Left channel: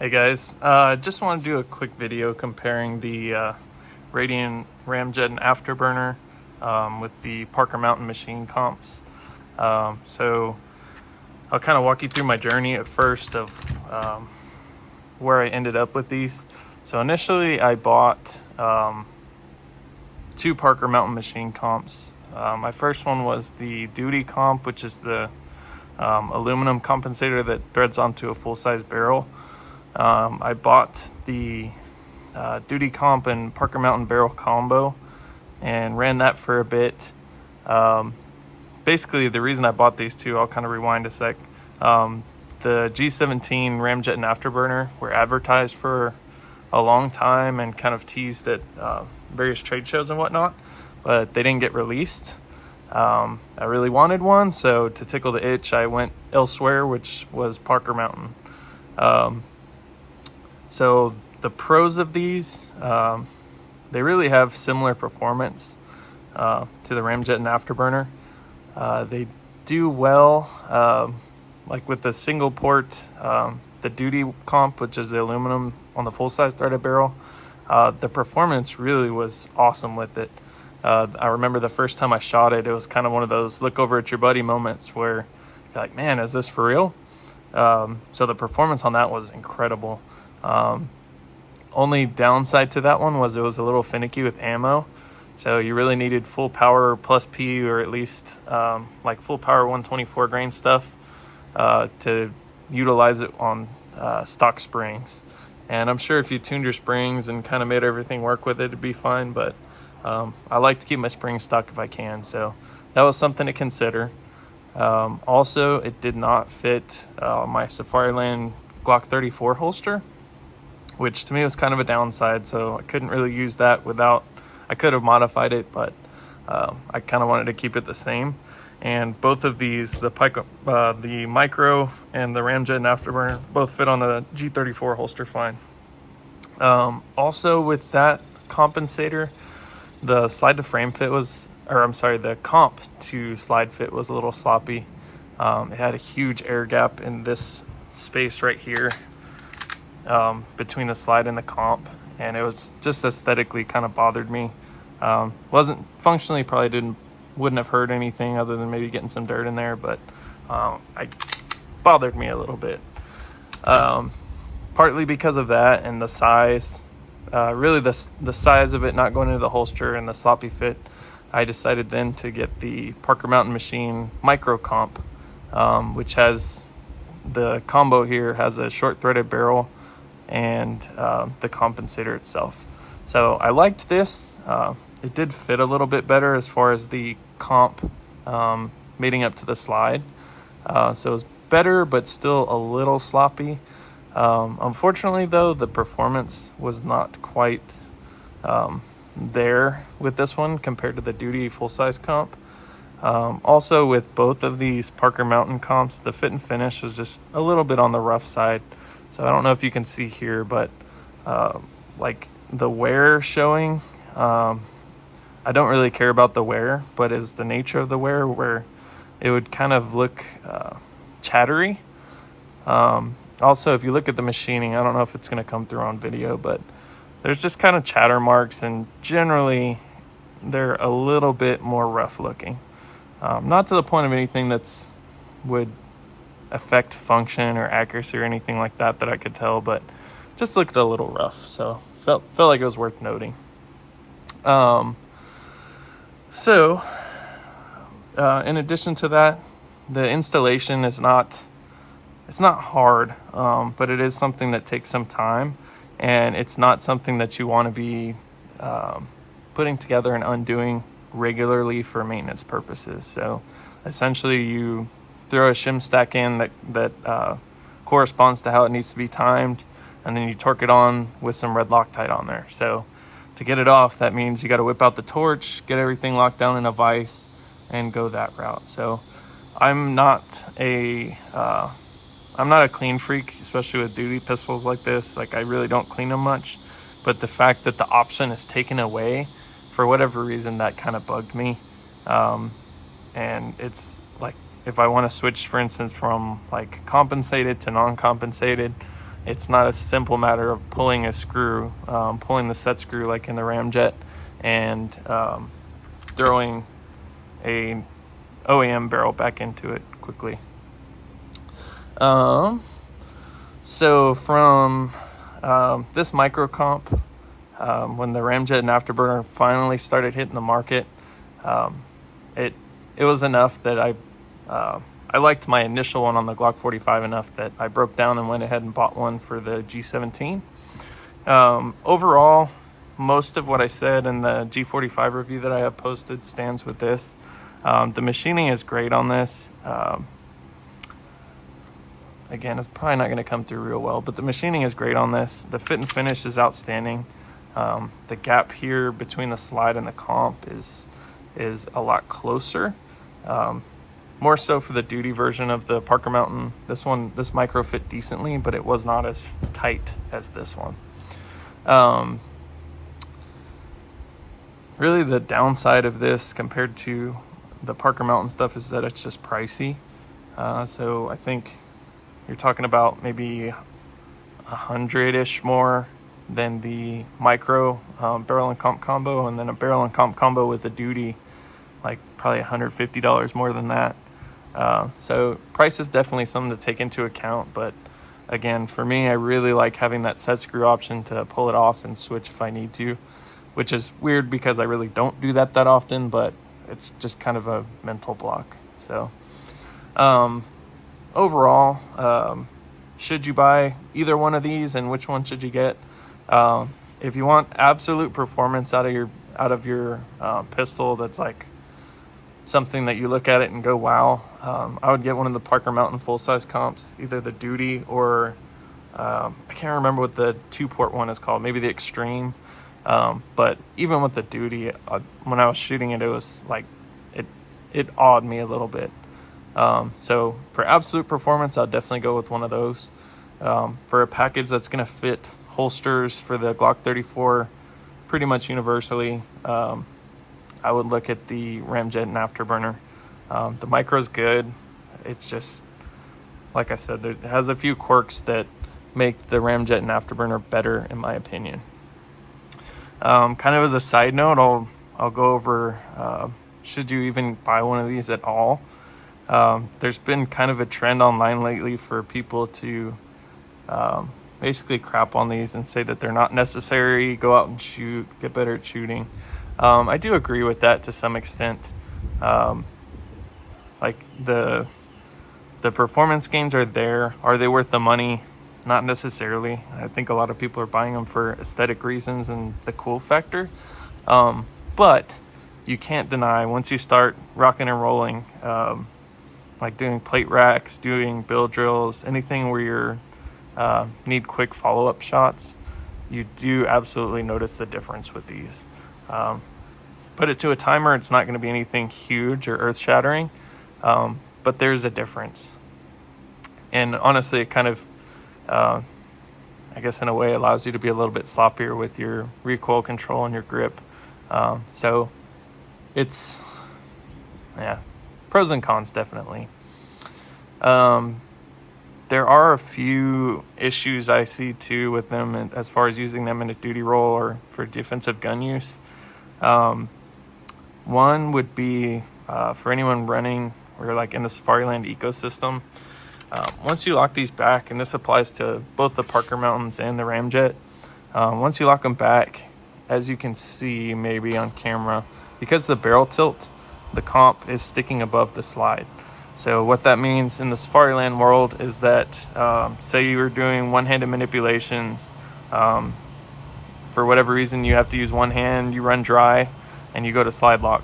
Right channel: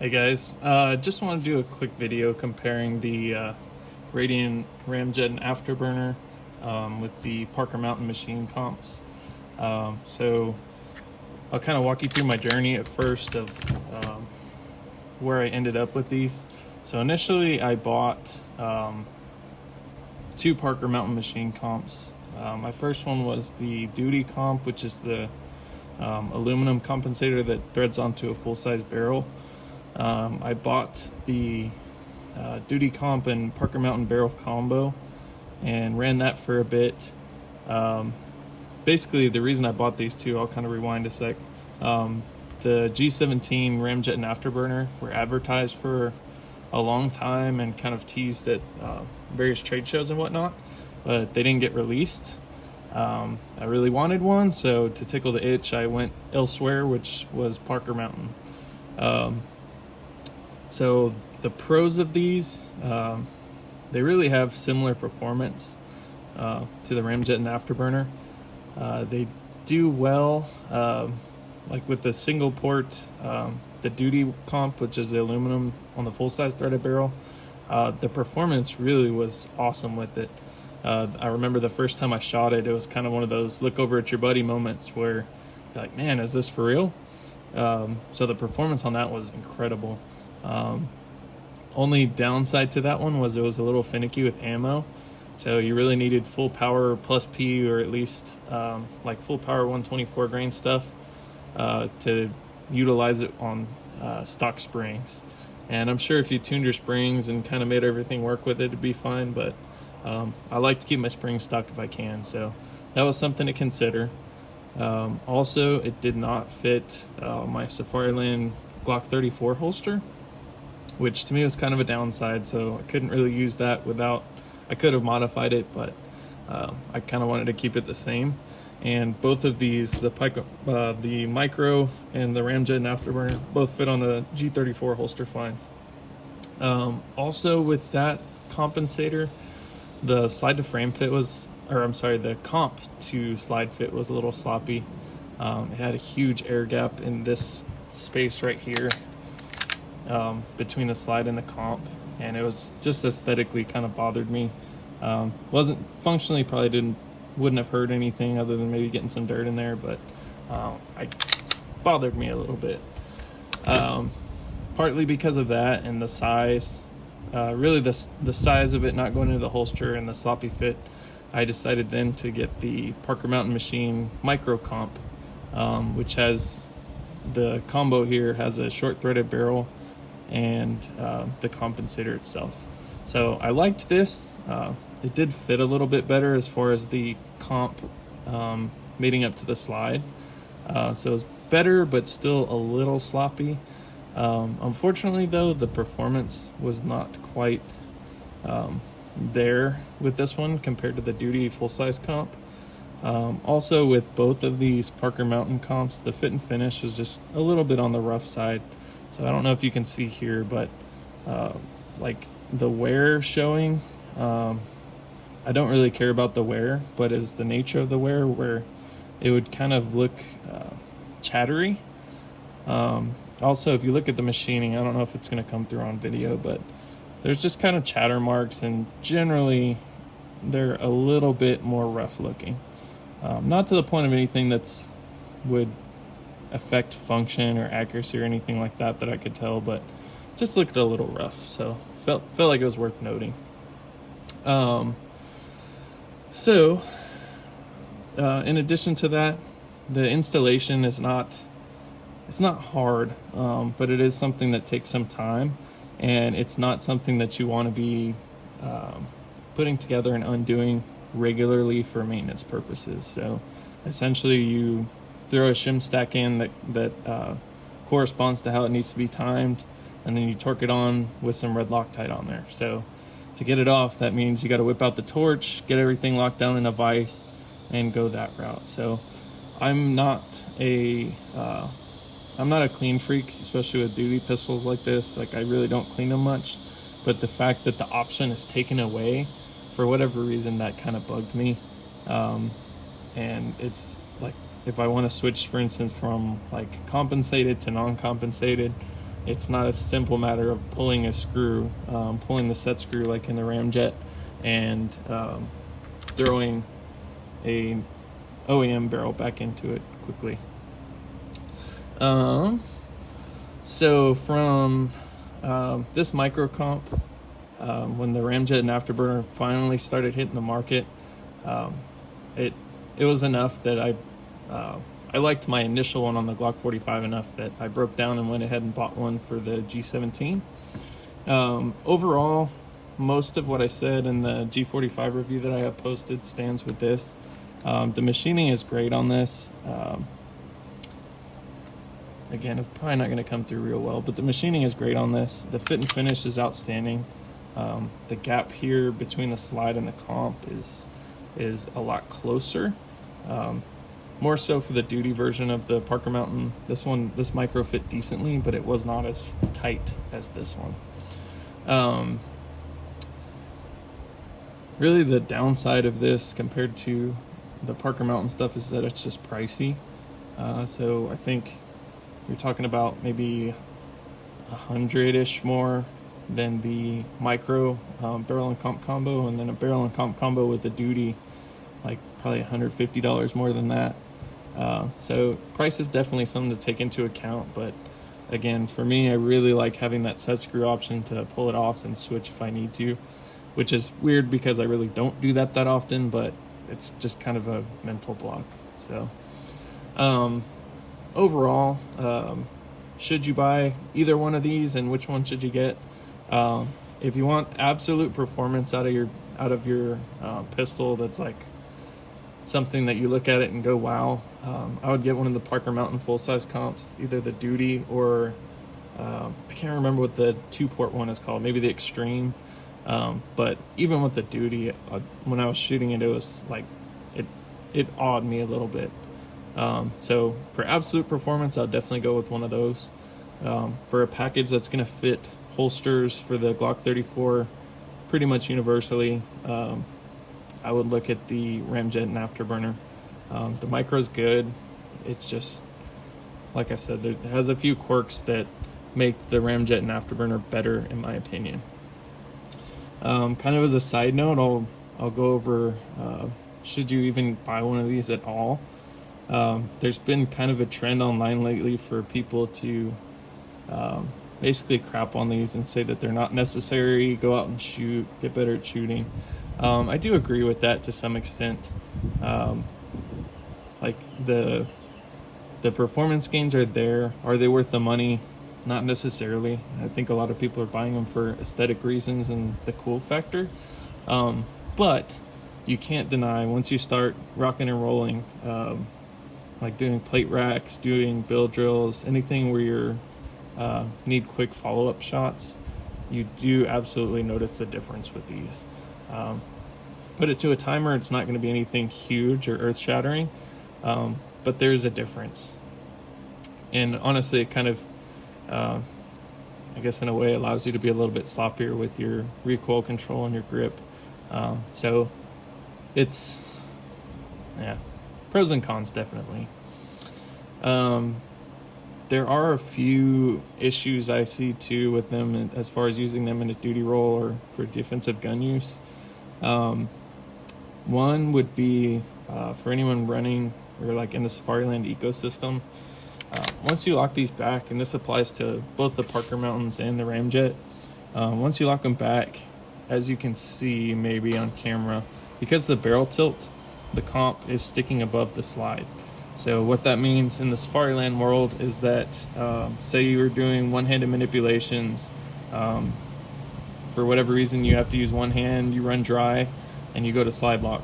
Hey guys, just want to do a quick video comparing the Radian Ramjet and afterburner with the Parker Mountain machine comps. So I'll kind of walk you through my journey at first of where I ended up with these. So initially I bought two Parker Mountain machine comps. My first one was the duty comp, which is the aluminum compensator that threads onto a full-size barrel. I bought the duty comp and Parker Mountain barrel combo and ran that for a bit. Basically, the reason I bought these two, I'll kind of rewind a sec. The G17 Ramjet and afterburner were advertised for a long time and kind of teased at various trade shows and whatnot, but they didn't get released. I really wanted one, so to tickle the itch, I went elsewhere, which was Parker Mountain. So the pros of these, they really have similar performance to the Ramjet and afterburner. They do well, like with the single port, the duty comp, which is the aluminum on the full-size threaded barrel. The performance really was awesome with it. I remember the first time I shot it, it was kind of one of those look over at your buddy moments where you're like, man, is this for real? So the performance on that was incredible. Only downside to that one was it was a little finicky with ammo. So you really needed full power plus P, or at least like full power 124 grain stuff to utilize it on stock springs. And I'm sure if you tuned your springs and kind of made everything work with it, it'd be fine. But I like to keep my springs stock if I can. So that was something to consider. Also, it did not fit my Safariland Glock 34 holster, which to me was kind of a downside. So I couldn't really use that without, I could have modified it, but I kind of wanted to keep it the same. And both of these, the micro and the Ramjet and afterburner, both fit on the G34 holster fine. Also with that compensator, the slide to frame fit was, or I'm sorry, the comp to slide fit was a little sloppy. It had a huge air gap in this space right here between the slide and the comp, and it was just aesthetically kind of bothered me. Wasn't functionally, probably wouldn't have hurt anything other than maybe getting some dirt in there, but it bothered me a little bit. Partly because of that and the size, really the size of it not going into the holster and the sloppy fit, I decided then to get the Parker Mountain machine micro comp, which has the combo here, has a short threaded barrel and the compensator itself. So I liked this. It did fit a little bit better as far as the comp mating up to the slide. So it was better, but still a little sloppy. Unfortunately though, the performance was not quite there with this one compared to the duty full-size comp. Also with both of these Parker Mountain comps, the fit and finish was just a little bit on the rough side. So I don't know if you can see here, but like the wear showing, I don't really care about the wear, but it's the nature of the wear where it would kind of look chattery. Also, if you look at the machining, I don't know if it's going to come through on video, but there's just kind of chatter marks, and generally they're a little bit more rough looking. Not to the point of anything that's would affect function or accuracy or anything like that I could tell, but just looked a little rough. So felt like it was worth noting. In addition to that, the installation is it's not hard, but it is something that takes some time, and it's not something that you want to be putting together and undoing regularly for maintenance purposes. So essentially you throw a shim stack in that corresponds to how it needs to be timed, and then you torque it on with some red Loctite on there. So to get it off, that means you got to whip out the torch, get everything locked down in a vise, and go that route. So I'm not a clean freak, especially with duty pistols like this. Like, I really don't clean them much, but the fact that the option is taken away for whatever reason, that kind of bugged me. And it's like, if I want to switch, for instance, from like compensated to non-compensated, it's not a simple matter of pulling a screw, pulling the set screw like in the Ramjet, and throwing a OEM barrel back into it quickly. So from this micro comp, when the Ramjet and afterburner finally started hitting the market, it was enough that I liked my initial one on the Glock 45 enough that I broke down and went ahead and bought one for the G17. Overall, most of what I said in the G45 review that I have posted stands with this. The machining is great on this. Again, it's probably not going to come through real well, but the machining is great on this. The fit and finish is outstanding. The gap here between the slide and the comp is a lot closer. More so for the duty version of the Parker Mountain. This micro fit decently, but it was not as tight as this one. Really the downside of this compared to the Parker Mountain stuff is that it's just pricey. So I think you're talking about maybe 100-ish more than the micro barrel and comp combo, and then a barrel and comp combo with the duty, like probably $150 more than that. So price is definitely something to take into account, but again, for me, I really like having that set screw option to pull it off and switch if I need to, which is weird because I really don't do that often, but it's just kind of a mental block. So overall, should you buy either one of these, and which one should you get? If you want absolute performance out of your pistol, that's like something that you look at it and go, wow, I would get one of the Parker Mountain full-size comps, either the duty or I can't remember what the 2-port one is called, maybe the Extreme. But even with the duty, when I was shooting it, it was like it awed me a little bit. So for absolute performance, I'll definitely go with one of those. For a package that's going to fit holsters for the Glock 34 pretty much universally, I would look at the Ramjet and afterburner. The micro's good. It's just, like I said, it has a few quirks that make the Ramjet and afterburner better, in my opinion. Kind of as a side note, I'll go over should you even buy one of these at all. There's been kind of a trend online lately for people to basically crap on these and say that they're not necessary, go out and shoot, get better at shooting. I do agree with that to some extent. Like the performance gains are there. Are they worth the money? Not necessarily. I think a lot of people are buying them for aesthetic reasons and the cool factor. But you can't deny, once you start rocking and rolling, like doing plate racks, doing build drills, anything where you're need quick follow-up shots, you do absolutely notice the difference with these. Put it to a timer, it's not going to be anything huge or earth-shattering, but there's a difference. And honestly, it kind of, I guess in a way, allows you to be a little bit sloppier with your recoil control and your grip. So it's, yeah, pros and cons definitely. There are a few issues I see too with them as far as using them in a duty role or for defensive gun use. One would be for anyone running or like in the Safariland ecosystem. Once you lock these back, and this applies to both the Parker Mountains and the Ramjet, once you lock them back, as you can see maybe on camera, because the barrel tilt, the comp is sticking above the slide. So what that means in the Safariland world is that, say you were doing one-handed manipulations, for whatever reason you have to use one hand, you run dry, and you go to slide lock.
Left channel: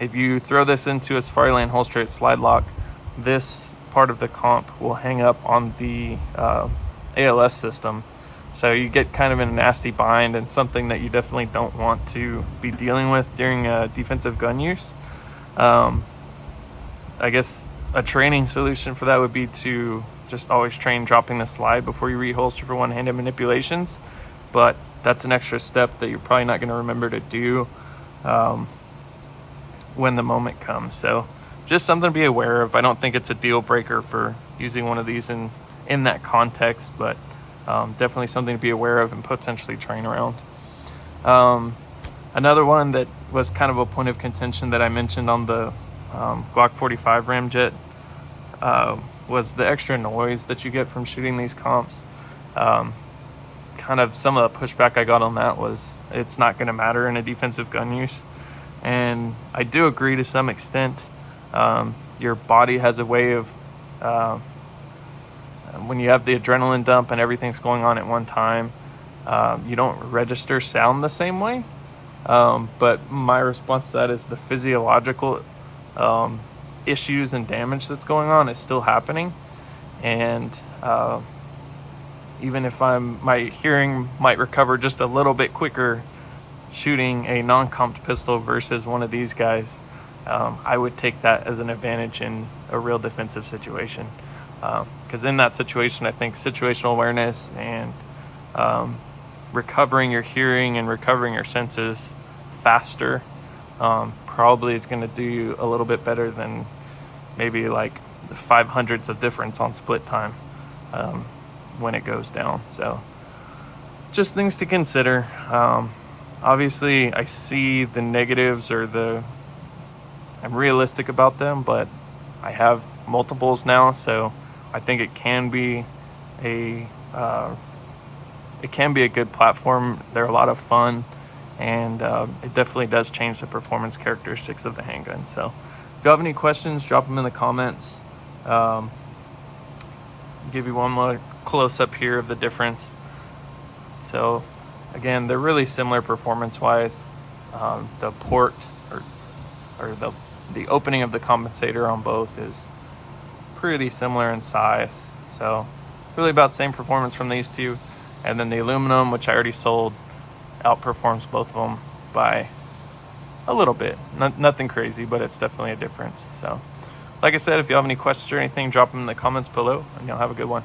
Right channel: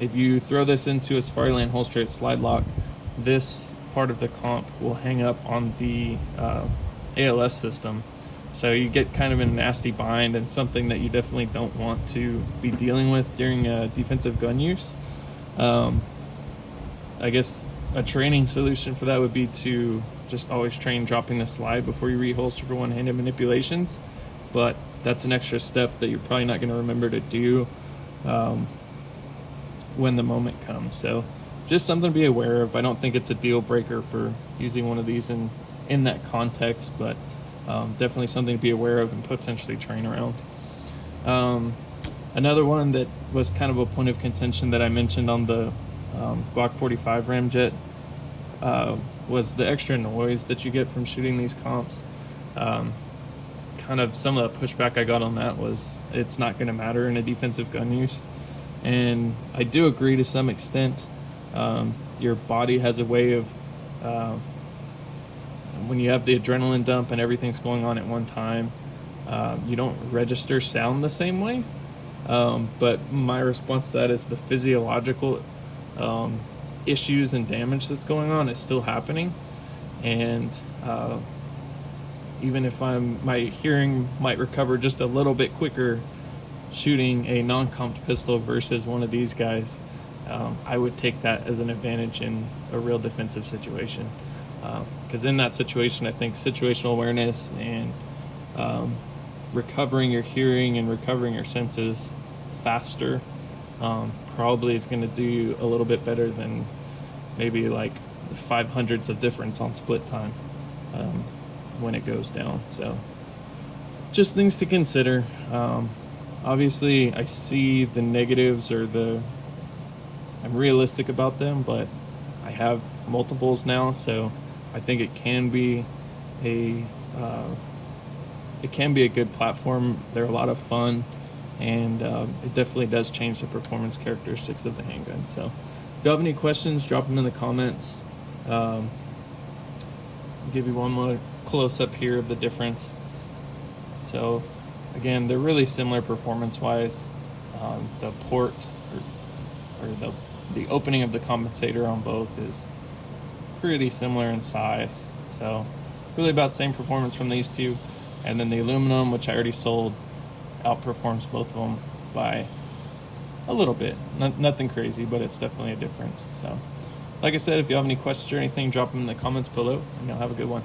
If you throw this into a Safariland holster at slide lock, this part of the comp will hang up on the ALS system. So you get kind of in a nasty bind, and something that you definitely don't want to be dealing with during defensive gun use. I guess a training solution for that would be to just always train dropping the slide before you reholster for one-handed manipulations. But that's an extra step that you're probably not going to remember to do when the moment comes. So just something to be aware of. I don't think it's a deal breaker for using one of these in in that context, but definitely something to be aware of and potentially train around. Another one that was kind of a point of contention that I mentioned on the Glock 45 Ramjet was the extra noise that you get from shooting these comps. Kind of some of the pushback I got on that was it's not going to matter in a defensive gun use. And I do agree to some extent. Your body has a way of, when you have the adrenaline dump and everything's going on at one time, you don't register sound the same way. But my response to that is the physiological issues and damage that's going on is still happening. And even if my hearing might recover just a little bit quicker shooting a non-comped pistol versus one of these guys, I would take that as an advantage in a real defensive situation. Because in that situation, I think situational awareness and recovering your hearing and recovering your senses faster probably is going to do you a little bit better than maybe like 500ths of difference on split time when it goes down. So just things to consider. Obviously I see the negatives or I'm realistic about them, but I have multiples now, so I think it can be a good platform. They're a lot of fun, and it definitely does change the performance characteristics of the handgun. So if you have any questions, drop them in the comments. Give you one more close up here of the difference. So again, they're really similar performance wise. The port or the opening of the compensator on both is pretty similar in size. So really about the same performance from these two. And then the aluminum, which I already sold, outperforms both of them by a little bit. Nothing crazy, but it's definitely a difference. So like I said, if you have any questions or anything, drop them in the comments below, and you'll have a good one.